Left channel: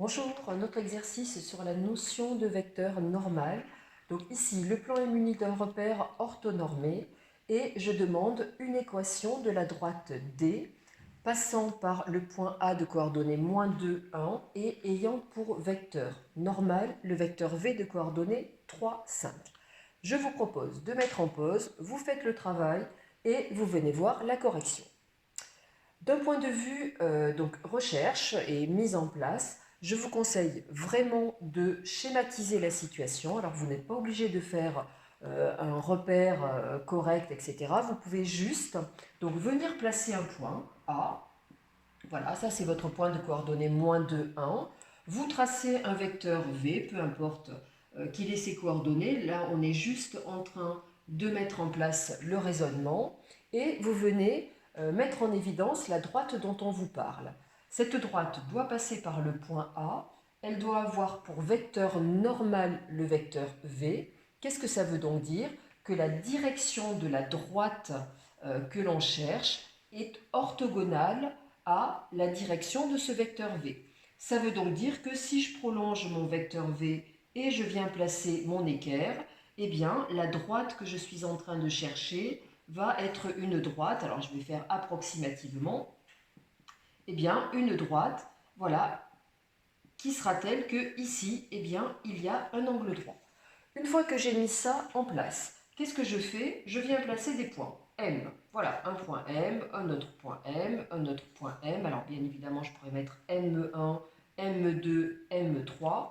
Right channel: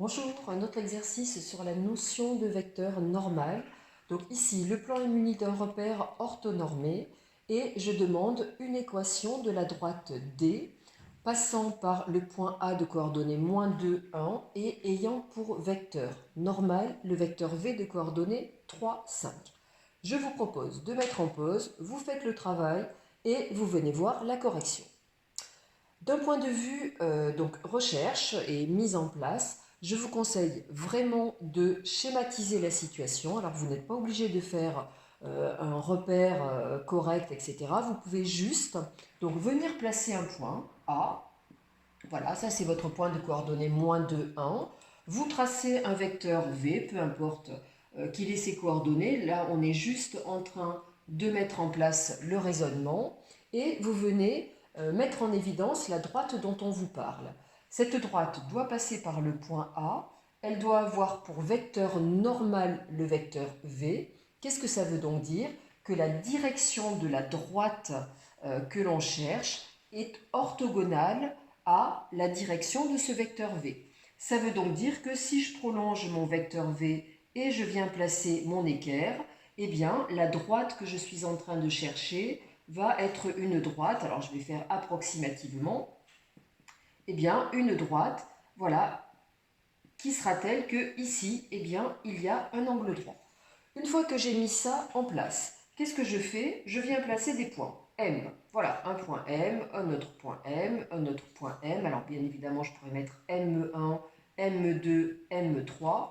Bonjour, un autre exercice sur la notion de vecteur normal. Donc ici, le plan est muni d'un repère orthonormé et je demande une équation de la droite D passant par le point A de coordonnées -2, 1 et ayant pour vecteur normal le vecteur V de coordonnées 3, 5. Je vous propose de mettre en pause, vous faites le travail et vous venez voir la correction. D'un point de vue donc recherche et mise en place, je vous conseille vraiment de schématiser la situation. Alors vous n'êtes pas obligé de faire un repère correct, etc. Vous pouvez juste donc venir placer un point A. Voilà, ça c'est votre point de coordonnées -2, 1. Vous tracez un vecteur V, peu importe qu'il ait ses coordonnées. Là, on est juste en train de mettre en place le raisonnement et vous venez mettre en évidence la droite dont on vous parle. Cette droite doit passer par le point A. Elle doit avoir pour vecteur normal le vecteur V. Qu'est-ce que ça veut donc dire? Que la direction de la droite que l'on cherche est orthogonale à la direction de ce vecteur V. Ça veut donc dire que si je prolonge mon vecteur V et je viens placer mon équerre, eh bien la droite que je suis en train de chercher va être une droite, alors je vais faire approximativement, eh bien une droite, voilà, qui sera telle que ici, eh bien il y a un angle droit. Une fois que j'ai mis ça en place, qu'est-ce que je fais? Je viens placer des points M. Voilà, un point M, un autre point M, un autre point M. Alors bien évidemment, je pourrais mettre M1, M2, M3.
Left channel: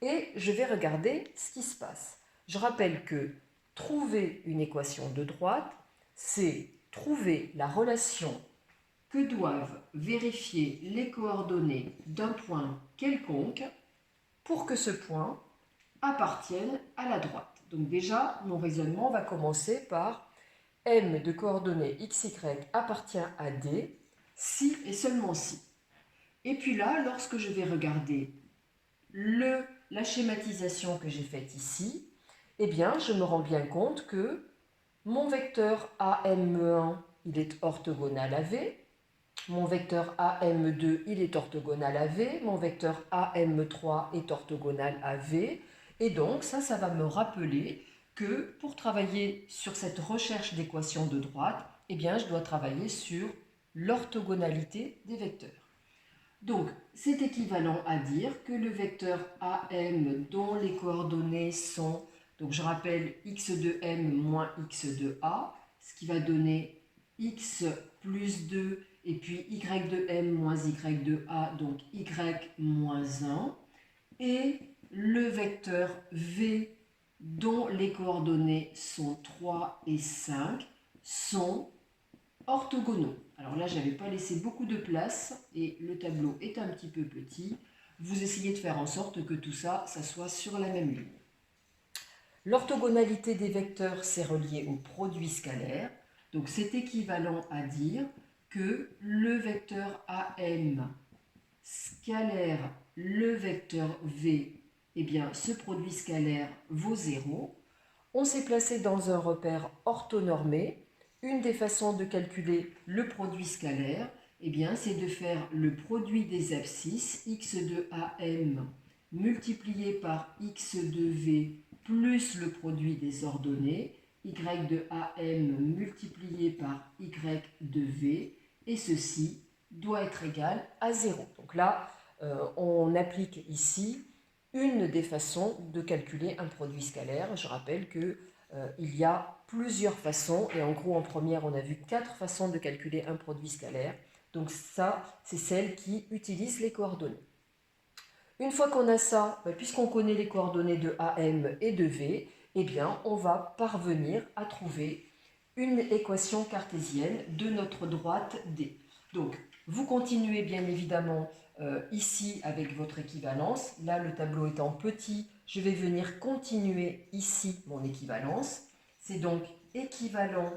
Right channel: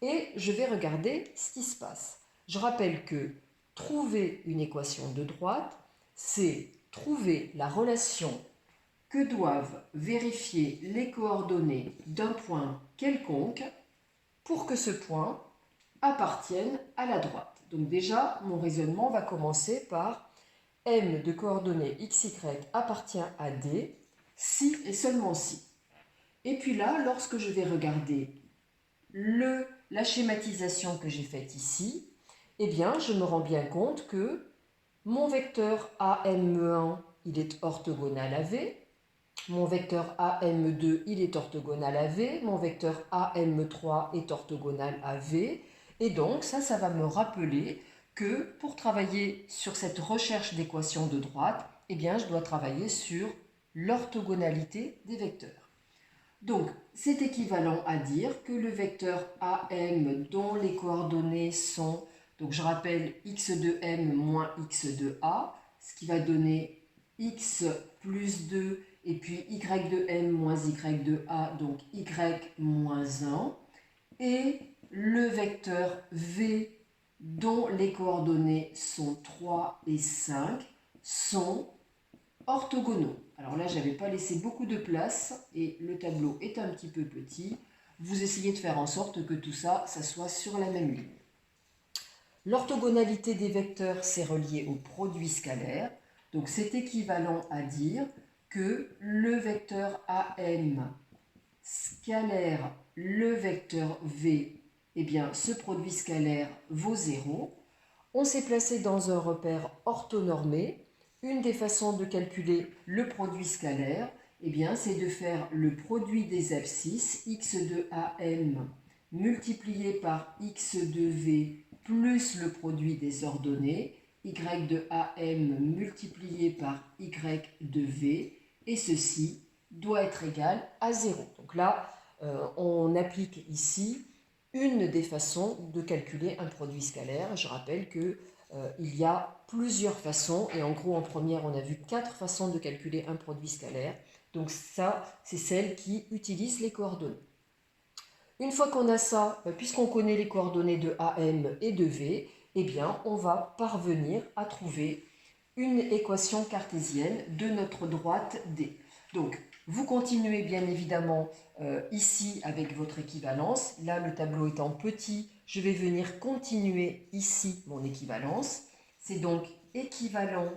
Et je vais regarder ce qui se passe. Je rappelle que trouver une équation de droite, c'est trouver la relation que doivent vérifier les coordonnées d'un point quelconque pour que ce point appartiennent à la droite. Donc déjà, mon raisonnement va commencer par M de coordonnées XY appartient à D, si et seulement si. Et puis là, lorsque je vais regarder la schématisation que j'ai faite ici, eh bien, je me rends bien compte que mon vecteur AM1, il est orthogonal à V, mon vecteur AM2, il est orthogonal à V, mon vecteur AM3 est orthogonal à V, et donc ça va me rappeler que pour travailler sur cette recherche d'équations de droite, eh bien, je dois travailler sur l'orthogonalité des vecteurs. Donc, c'est équivalent à dire que le vecteur AM dont les coordonnées sont, donc je rappelle x de m moins x de a, ce qui va donner x plus 2 et puis y de m moins y de a, donc y moins 1, et le vecteur v dont les coordonnées sont 3 et 5 sont orthogonaux. Alors là, je n'avais pas laissé beaucoup de place et le tableau est un petit peu petit. Vous essayez de faire en sorte que tout ça, ça soit sur la même ligne. L'orthogonalité des vecteurs, c'est relié au produit scalaire. Donc c'est équivalent à dire que le vecteur AM scalaire le vecteur V, eh bien ce produit scalaire vaut 0. On s'est placé dans un repère orthonormé. Une des façons de calculer le produit scalaire, eh bien, c'est de faire le produit des abscisses x de AM multiplié par x de V plus le produit des ordonnées y de AM multiplié par y de V, et ceci doit être égal à 0. Donc là, on applique ici une des façons de calculer un produit scalaire. Je rappelle que il y a plusieurs façons, et en gros en première on a vu 4 façons de calculer un produit scalaire. Donc ça, c'est celle qui utilise les coordonnées. Une fois qu'on a ça, puisqu'on connaît les coordonnées de AM et de V, eh bien on va parvenir à trouver une équation cartésienne de notre droite D. Donc vous continuez bien évidemment ici avec votre équivalence. Là, le tableau étant petit, je vais venir continuer ici mon équivalence. C'est donc équivalent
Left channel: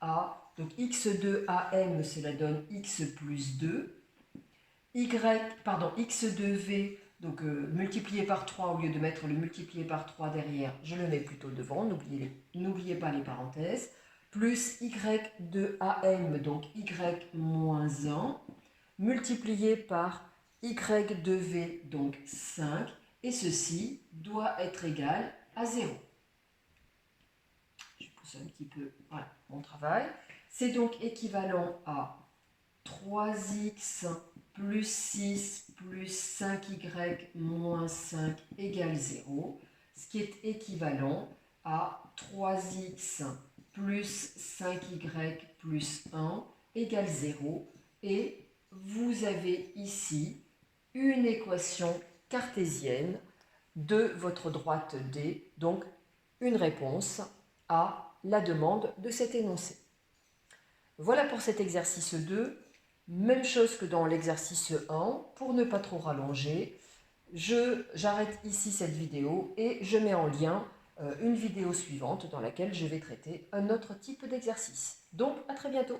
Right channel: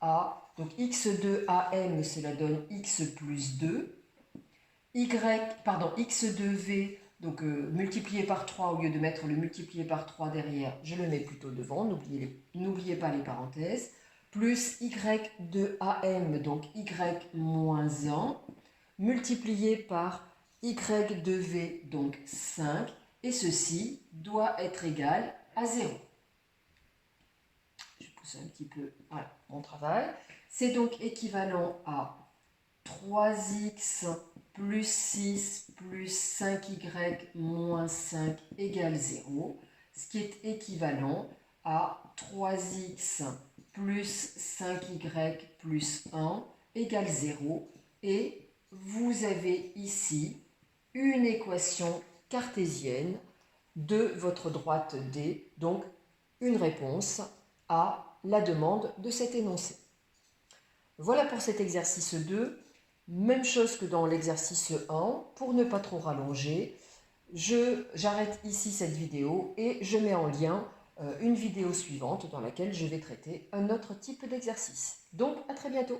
à, donc x2 AM, cela donne x plus 2, x2v, donc multiplié par 3, au lieu de mettre le multiplié par 3 derrière, je le mets plutôt devant, n'oubliez pas les parenthèses, plus y de AM, donc y moins 1, multiplié par y de v, donc 5, et ceci doit être égal à 0. Je pousse un petit peu, voilà, mon travail. C'est donc équivalent à 3x plus 6 plus 5y moins 5 égale 0, ce qui est équivalent à 3x plus 5y plus 1 égale 0. Et vous avez ici une équation cartésienne de votre droite D, donc une réponse à la demande de cet énoncé. Voilà pour cet exercice 2. Même chose que dans l'exercice 1, pour ne pas trop rallonger, j'arrête ici cette vidéo et je mets en lien une vidéo suivante dans laquelle je vais traiter un autre type d'exercice. Donc à très bientôt.